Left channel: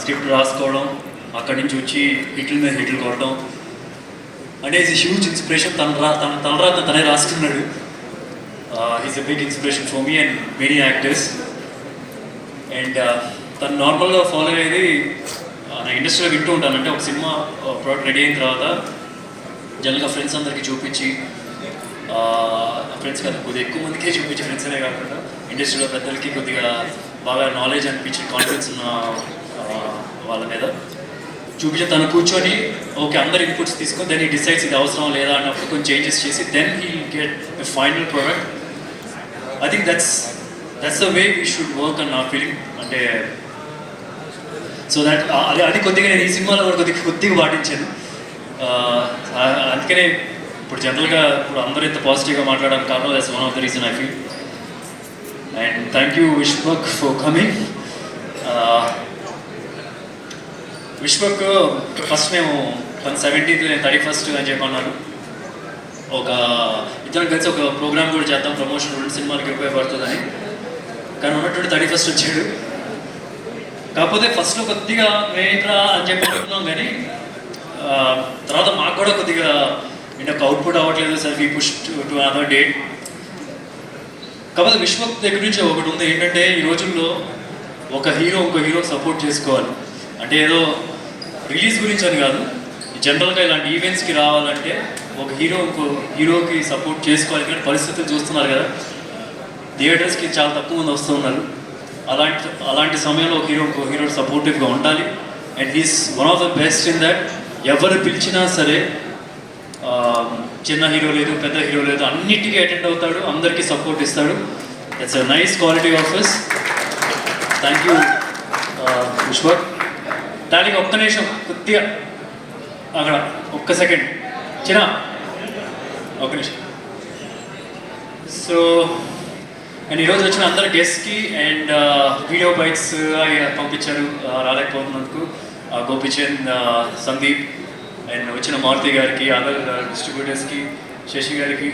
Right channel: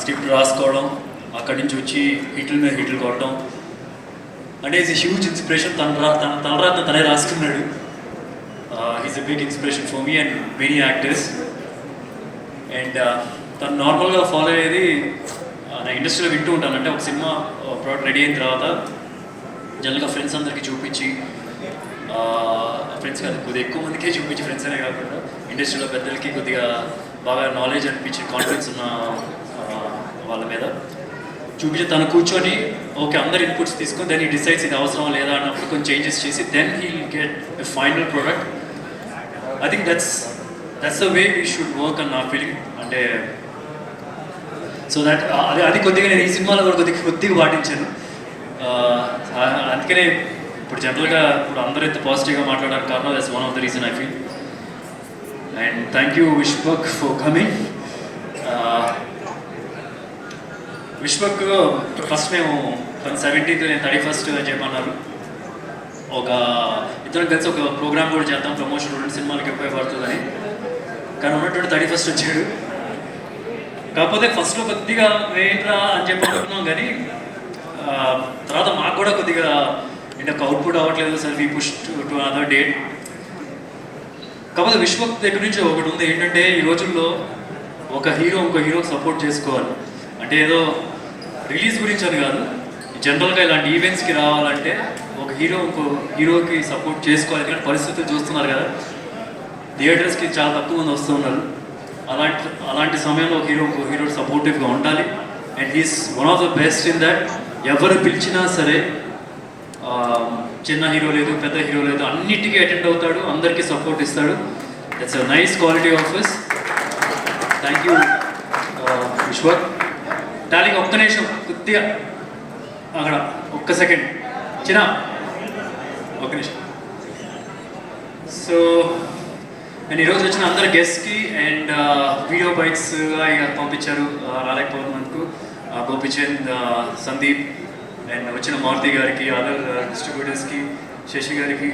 Script రాసుకోవడం, అక్కడి నుంచి వచ్చి హిట్ల మీద హిట్లు కొట్టడం అంటే ఈజ్ హ్యూజ్ ఇన్స్పిరేషన్. తన తనే రాసుకున్నాడు. Is a big inspiration for me and many actors. And తను నార్మల్గా ఫాలో అయ్యేది నా ఇండస్ట్రీలో వింటూ ఉంటాను. అంటే ఒక సినిమా ప్రోడక్ట్ రెడీ అయిన తర్వాత జనరల్గా ఫ్రెండ్స్ అందరికీ చూపించి, ఫ్రెండ్స్ కాదు కొద్దిగా ఎక్కువ మందికే చూపించి, ఫ్రెండ్స్ అనే కాకుండా ఇండస్ట్రీలో పెద్దలకి కొద్దిగా బాగా నాలెడ్జ్ అనిపించి కాన్ఫిడెన్స్ ఉన్న వాళ్ళ మీద చూపించి తను కూర్చొని ఓకే అందరు ఇన్పుట్స్ తీసుకొని దెన్ ఈ డిసైడ్స్ ఇది అవసరం లేదా అన్నప్పుడు కొంచెం చేంజెస్ చేసి then he get a final product. I think that's the way we should work అన్న ఫీలింగ్. అంటే సో దట్ అది కొద్దిగా నేను ఈ సినిమాలో కూడా కొద్దిగా పాటించాను. అందుకనే ఇప్పుడు జనరల్గా ఇప్పుడు అందరూ ఇంత పాజిటివ్గా మాట్లాడడానికి కారణం that's one of the reason I feel. And thank you Vishwak for coming. Vishwak first మేము 17th నేను 31st అని చెప్పన్నారు. ఒక ఇద్దరం కలిసి ఒక ప్రోగ్రామ్ కూడా చేద్దాం, ప్రమోషన్ 2 సినిమాలకి ఉపయోగపడుతుందని. కానీ ఉన్నటువంటి 31st వచ్చాడు. కాకపోతే ఫస్ట్లో కొద్దిగా ఏంట్రా అని చెప్పి అనుకున్నాం, కానీ తర్వాత మాకు కూడా కొద్దిగా అంటే ఒక అవుట్పుట్ అవ్వట్లేదు sir, we push to another date. కాకపోతే విశ్వక్ దగ్గర నుంచి ఒకటి ఉంది ఏంటంటే ఈ రోజుల్లో ఒక హీరో ఇంకో హీరోకి సపోర్ట్ చేసుకోవాలి. అంటే ఏదో రిలీజ్ గురించి అని కాదు, జనరల్గా ఇలాంటి ఈవెంట్స్కి రావాలంటే ఒక హీరో ఇంకో హీరోకి సపోర్ట్ చేసుకోవాలి. కానీ పరిస్థితులు చూస్తున్నారు కదా, థియేటర్స్కి చాలా తక్కువ మంది వస్తూ ఉన్నారు. అలాంటి సమయంలో ఒక హీరో ఇంకో హీరో సపోర్టివ్గా ఉండాలి. And he's one of the best in that. ఎవరు పిలిచినా సరే, చిన్న హీరో లేదు పెద్ద హీరో లేదు, అన్నిటికీ అటెండ్ అవుతాడు, అందరికీ సపోర్ట్ ఇస్తాడు. That's a nice quality of his. Thank you Vishwak. దానికి ఒక్క నిమిషం కొద్దిగా అక్కడ ఒక్క సెకండ్ చిన్న ఒక్క నిమిషం. సో అండ్ ఈరోజు వచ్చిన అందరు గెస్ట్కి అండ్ వీడియో బైట్స్ పంపించారు రాలేకపోతున్నందుకు గోపిచంద్, సందీప్ అండ్ వచ్చిన మారుతి గారికి, అదర్ డిస్ట్రిబ్యూటర్స్కి, శశి గారికి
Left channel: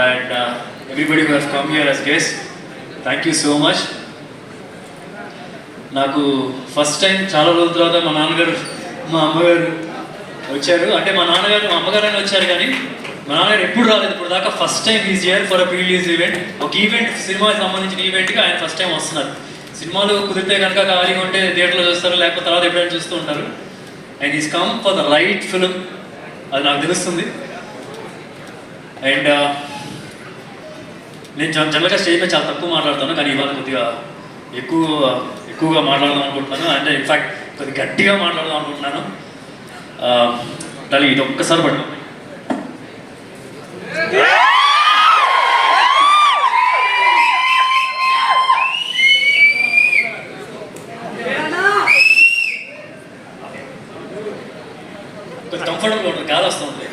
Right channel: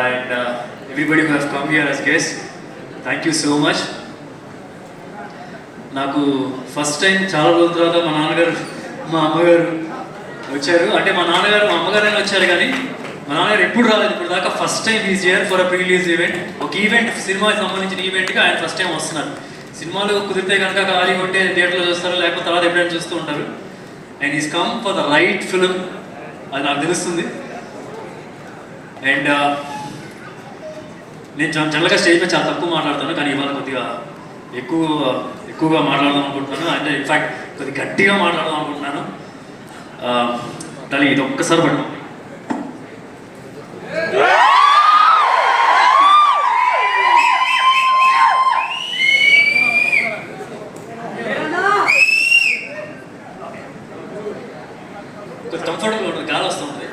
and everybody who have come here as guest, thank you so much. నాకు ఫస్ట్ టైం చాలా రోజుల తర్వాత మా నాన్నగారు మా అమ్మగారు వచ్చారు. అంటే మా నాన్నగారు మా అమ్మగారైనా వచ్చారు, కానీ మా నాన్నగారు ఎప్పుడు రాలేదు ఇప్పుడు దాకా. First time is here for a pre release event. ఒక ఈవెంట్ సినిమాకి సంబంధించిన ఈవెంట్కి ఆయన ఫస్ట్ టైం వస్తున్నారు. సినిమాలు కుదిరితే కనుక ఖాళీగా ఉంటే థియేటర్లో చూస్తారు, లేకపోతే తర్వాత ఎప్పుడైనా చూస్తూ ఉంటారు. And is come for the right film, అది నాకు తెలుస్తుంది. అండ్ నేను జనరల్గా స్టేజ్ మీద చాలా తక్కువ మాట్లాడతాను, కానీ ఇవాళ కొద్దిగా ఎక్కువగా మాట్లాడదాం అనుకుంటున్నాను. అంటే ఇన్ఫ్యాక్ట్ కొద్దిగా గట్టిగా మాట్లాడదాం అనుకుంటున్నాను. ఇది ఒక్కసారి పడదాం. కంఫర్టబుల్ ఉంటుంది, గాలి వస్తుంది.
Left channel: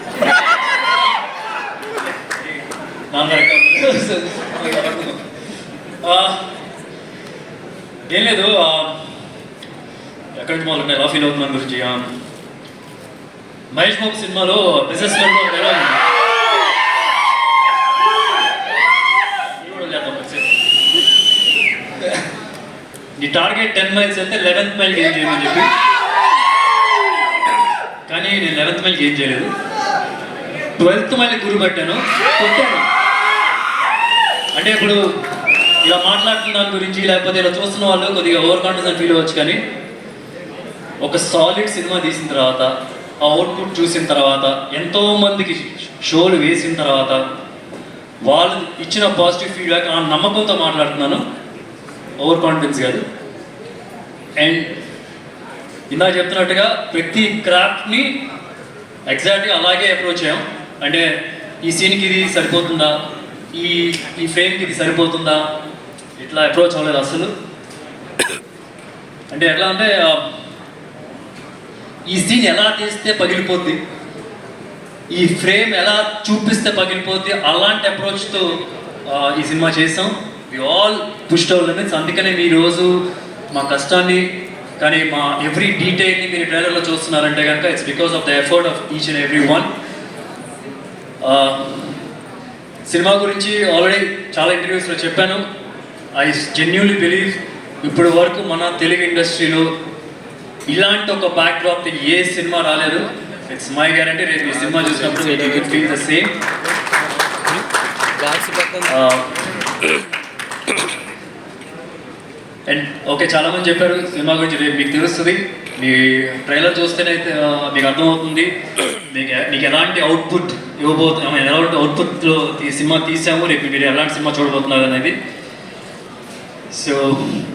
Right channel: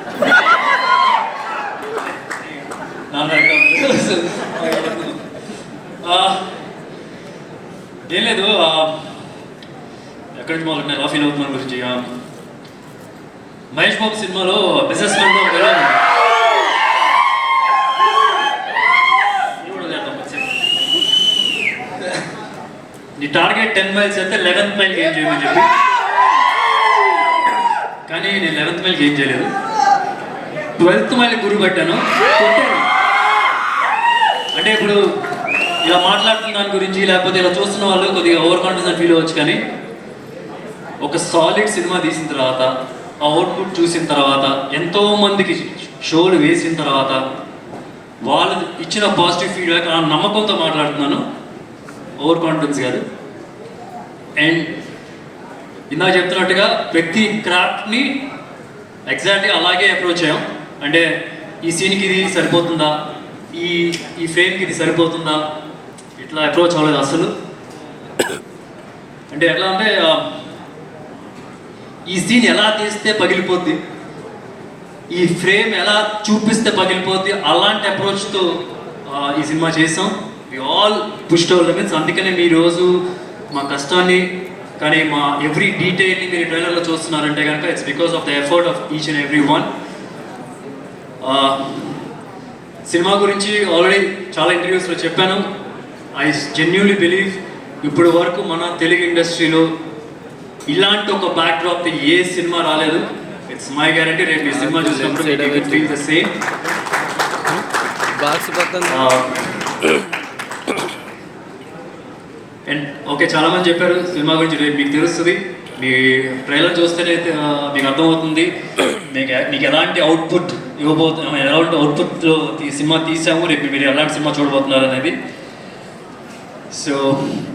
ఏం లేదు, ఎక్కడి నుంచి మొదలు ఎలా ఫీల్ అవుతున్నాను గురించి. మహేష్ బాబు సినిమాలో బిజినెస్ నీ టార్గెట్ 10 మైల్స్ అయితే 11th మైల్ గేమ్ చేయమని చెప్పి, కానీ నేను 11th మైల్ గేమ్ చేయలేదు. 12th మైల్ గురి పట్టాను, కొట్టాను. అంటే ఇప్పుడు ఇలా మాట్లాడుతున్న దాని గురించి లేకపోతే ఇలా చూస్తున్న వాళ్ళు కొద్దిగా ఓవర్ కాన్ఫిడెన్స్ ఫీల్ అవ్వచ్చు, కానీ ఒక సాలిడ్ సినిమా తీసిన తర్వాత, ఆ అవుట్పుట్ చూసిన తర్వాత, ఎంతోమందికి షోలు వేసిన తర్వాత వాళ్ళు ఇచ్చిన పాజిటివ్ ఫీడ్బ్యాక్, ఆ నమ్మకంతో మాట్లాడుతున్నాను, ఓవర్ కాన్ఫిడెన్స్ కాదు. అండ్ ఇందాక చెప్తున్నట్టుగా ప్రతి క్రాఫ్ట్ని ఎగ్జాక్ట్గా అలాగే అప్రోచ్ అయ్యాం. అంటే ఈ సీన్కి ఇది సరిపోతుందా, ఈ ఫ్రేమ్కి ఇది సరిపోతుందా, ఇట్లా అప్రోచ్ అవ్వలేదు అసలు. అంటే ఎట్లా అంటే ఈ సీన్ ఎలా తీస్తే పగిలిపోద్ది, ఈ ఫ్రేమ్ ఎలా చూపిస్తే పగిలిపోద్ది, అలాంటి అప్రోచ్తో ఈ సినిమా చేసాం. We all pushed our limits. అందుకనే మీ రోజు మా కష్టాన్ని కానీ మా ఎవ్రీ డీటెయిల్ని మీరు ట్రైలర్లో చూస్తున్నారంటే కనుక it's because of the effort of each and every one. Cinema గురించి ఆల్రెడీ చాలా ఇంటర్వ్యూస్లో చెప్పాను. ఐ జెన్యూన్లీ బిలీవ్ ఇప్పుడు వరకు మన తెలుగు ఇండస్ట్రీలో ఇలాంటి ఒక బ్యాక్ డ్రాప్ ఏ సినిమా రాలేదు. ఇట్స్ మై గ్యారంటీ రేపు ఈ సినిమా చూసినప్పుడు you will feel the same. And okay, చాలామంది చెప్పారు సినిమా గురించి, రేపు మీకు తెలుస్తుంది. మీ ట్రైలర్ చూస్తేనే మీకు అర్థమవుతుంది మీకు ఎలాంటి అవుట్పుట్ ఇవ్వబోతున్నాం, ఎలాంటి అవుట్పుట్లో ఈ సినిమా తీసాము, రేపు మీరు ఎలాంటి సినిమా చూడబోతున్నారు అనేది. So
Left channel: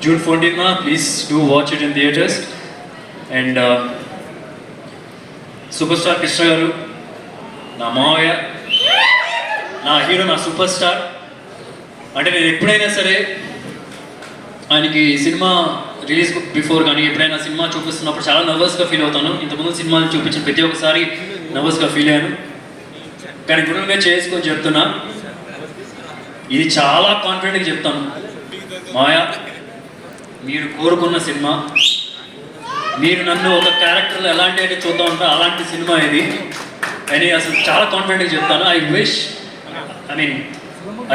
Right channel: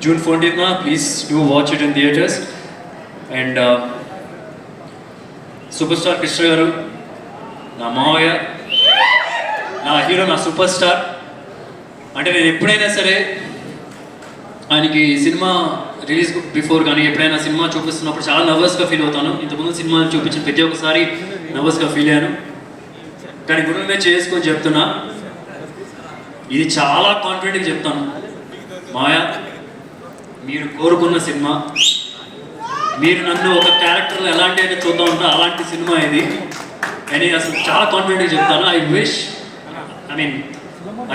June 14th please do watch it in theatres. And super star Krishna గారు నా మావయ్య, నా హీరో, నా సూపర్ స్టార్. అంటే నేను ఎప్పుడైనా సరే ఆయనకి సినిమా రిలీజ్ బిఫోర్ కానీ ఎప్పుడైనా సినిమా చూపిస్తున్నప్పుడు చాలా నర్వస్గా ఫీల్ అవుతాను. ఇంతకుముందు సినిమాలు చూపించిన ప్రతి ఒక్కసారి నర్వస్గా ఫీల్ అయ్యాను. కానీ గురువు మీద చేసుకొని చెప్తున్నా, ఇది చాలా కాన్ఫిడెంట్గా చెప్తాను. మాయా, మీరు కోరుకున్న సినిమా, మీరు నన్ను ఒక క్యారెక్టర్లో ఎలాంటి అయితే చూద్దాం ఉంటా అలాంటి సినిమా ఇది అని అసలు చాలా కాన్ఫిడెంట్గా చెప్తాను.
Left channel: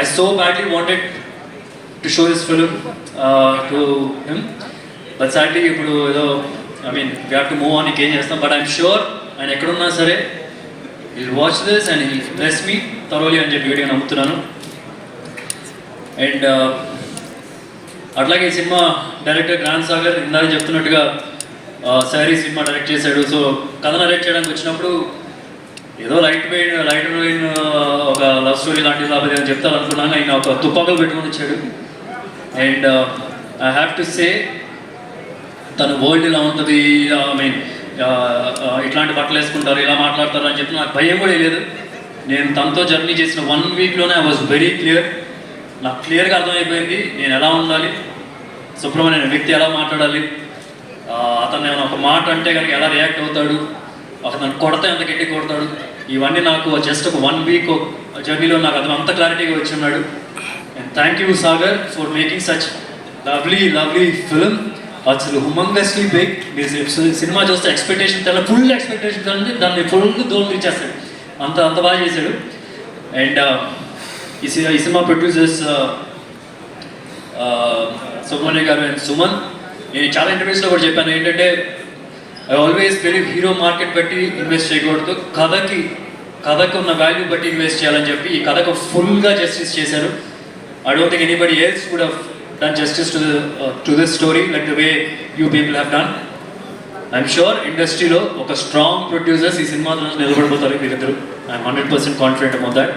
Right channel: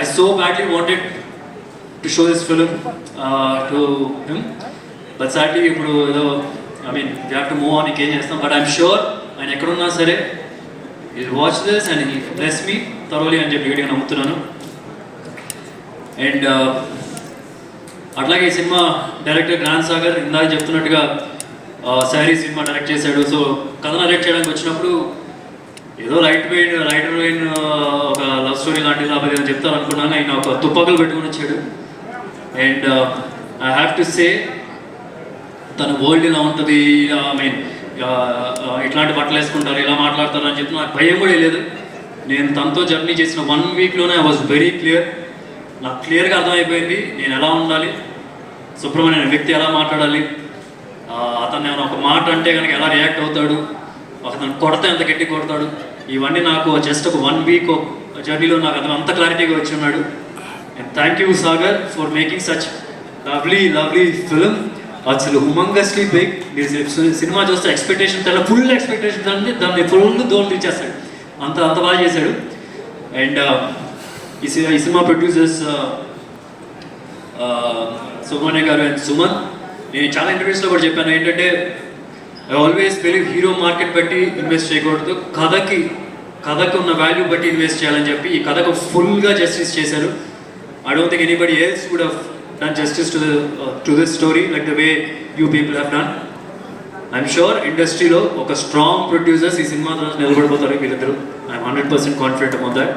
I so badly wanted to show this film to him, but sadly ఇప్పుడు ఏదో we have to move on, ఇంకేం చేస్తాం. బట్ ఐఎమ్ షూర్ ఆయన ఎక్కడున్నా సరే he'll watch this and he'll bless me thoroughly అని చెప్పి వీడియో నమ్ముతున్నాను. అండ్ అట్లాగే ఈ సినిమా డైరెక్టర్ గ్రాండ్ సాగర్ ఇందాక చెప్తున్నట్టుగా శారీ సినిమా డైరెక్ట్ చేశాడు. సో కథ నరేట్ చేయడానికి వచ్చినప్పుడు ఏదో లైట్ మెయిన్ ఒక లవ్ స్టోరీ లాంటిది లేకపోతే అని చెప్తాను అనుకున్నాను. ఆయన ఒక తుపాకులు పెట్టుకుని వచ్చాడు. And I have to say తన వరల్డ్ ఇలా ఉంటుంది, ఇట్లాంటి బట్టలు వేసుకుంటారు, ఇలా మాట్లాడతారు అని చెప్పి నాకు భయం కూడా లేదు. నేను తనతో జర్నీ చేసిన 1 వీక్లోనే ఐ వాజ్ వెరీ క్లియర్. నాకు క్లియర్గా అర్థమైపోయింది నేను ఎలా ఉండాలి, సుబ్రహ్మణ్యం వ్యక్తి ఎలా మాట్లాడాలి, అతను ఒక మాట అంటే కనుక ఎలా రియాక్ట్ అవుతాడు, అతను కొడతా ఎంత గట్టి కొడతాడు, ఇవన్నీ నాకు జస్ట్ ఒక 1 వీక్ జర్నీలో నాకు అతను అంత క్లారిటీగా వచ్చి ఉన్నాడు. And thank you Sagar for making such lovely film. అసలు హుమంగస్లీ బిగ్. సినిమా చూస్తే ఎక్స్పెక్టేషన్ ఫుల్ ఎక్స్పెక్టేషన్ దాన్ని ఫుల్ దోలు తీసేస్తాడు, అంత బాగా చేశాడు. అండ్ ఈ సినిమా ప్రొడ్యూసర్స్ సుబ్రహ్మణ్య గారు అండ్ సుమన్. నేను చాలా ఇంటర్వ్యూస్లో కూడా చెప్పాను ఏంటంటే I always believe hero market బట్టి ఇన్వెస్ట్ చేయకూడదు, కథకు ఉన్న వాల్యూ బట్టి ఇన్వెస్ట్ చేయాలని చెప్పి ఈ కథకు ఫుల్గా జస్టిస్ చేశారు. I don't think anybody else would have done justice to this story like the way you people have done. I'm sure ఇండస్ట్రీలో ఒక స్ట్రాంగ్ ప్రొడ్యూసర్స్ ఈ సినిమా నిలబడిపోతారు మీరిద్దరు. I'm 100% confident about that.